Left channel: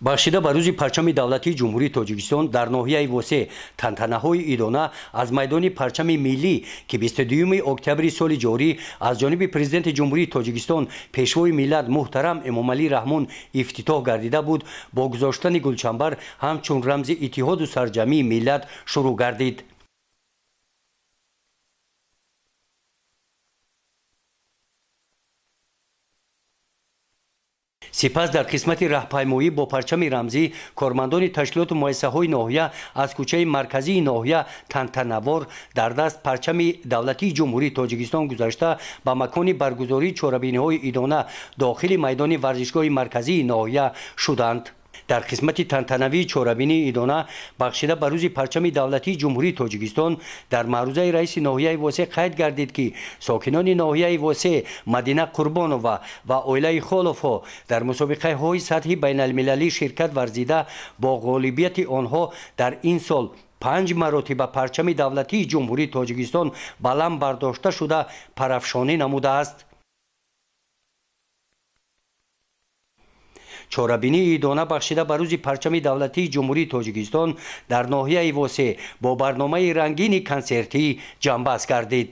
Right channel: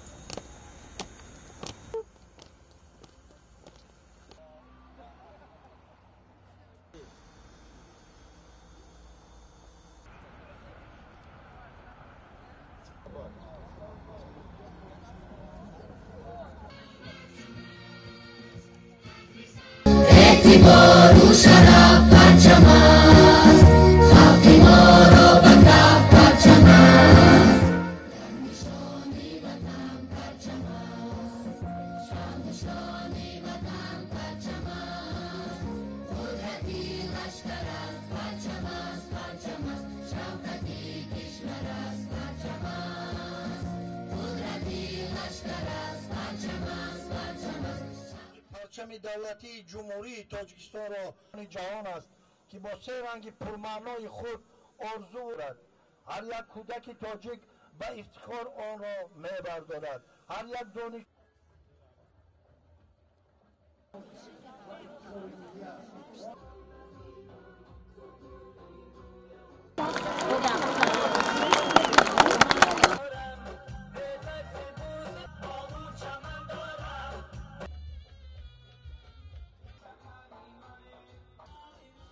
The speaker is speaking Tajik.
бахшида ба рӯзи парчами давлатии ҷумҳурии тоҷикистон дар ноҳияи восе тантанаҳои идона аз майдони парчами миллӣ ки 22 октябри соли ҷорӣ аз ҷониби президенти ҷумҳурии тоҷикистон пешвои миллат муҳтарам эмомалӣ раҳмон ифтитоҳ гардида буд, бо гузоштани гулчанбар ҳамчун рамзи иттиҳоду сарҷамъии миллат шурӯъ гардид. сипас дар қисмати раҳпаймоӣ бо парчами рамзӣ кормандони ташкилоту муассисаҳои ноҳия аз кӯчаи марказии ноҳия тантанабор дар даст парчами давлатии ҷумҳурии тоҷикистон гузашта ба макони баргузории чорабиниҳои идона дохили майдони варзишгоҳи марказии ноҳия шуданд. дар қисмати тантанавии чорабинии идона бахшида ба рӯзи парчами давлатии ҷумҳурии тоҷикистон дар маърузаи раиси ноҳияи восе қайд гардид ки сокинони ноҳияи восе Мадина Қурбонова ва оилаи Холовҳо дар мусобиқаҳои сатҳи байналмилалӣ ширкат варзида бо ғолибияти онҳо дар ин сол 5 маротиба парчами давлатии ҷумҳурии тоҷикистон баланд бардошта шуда парафшонӣ намудааст. чорабинии идона бахшида ба рӯзи парчами давлатии ҷумҳурии тоҷикистон дар ноҳияи восе бо барномаи рангини консертӣ ҷамъбаст гардид.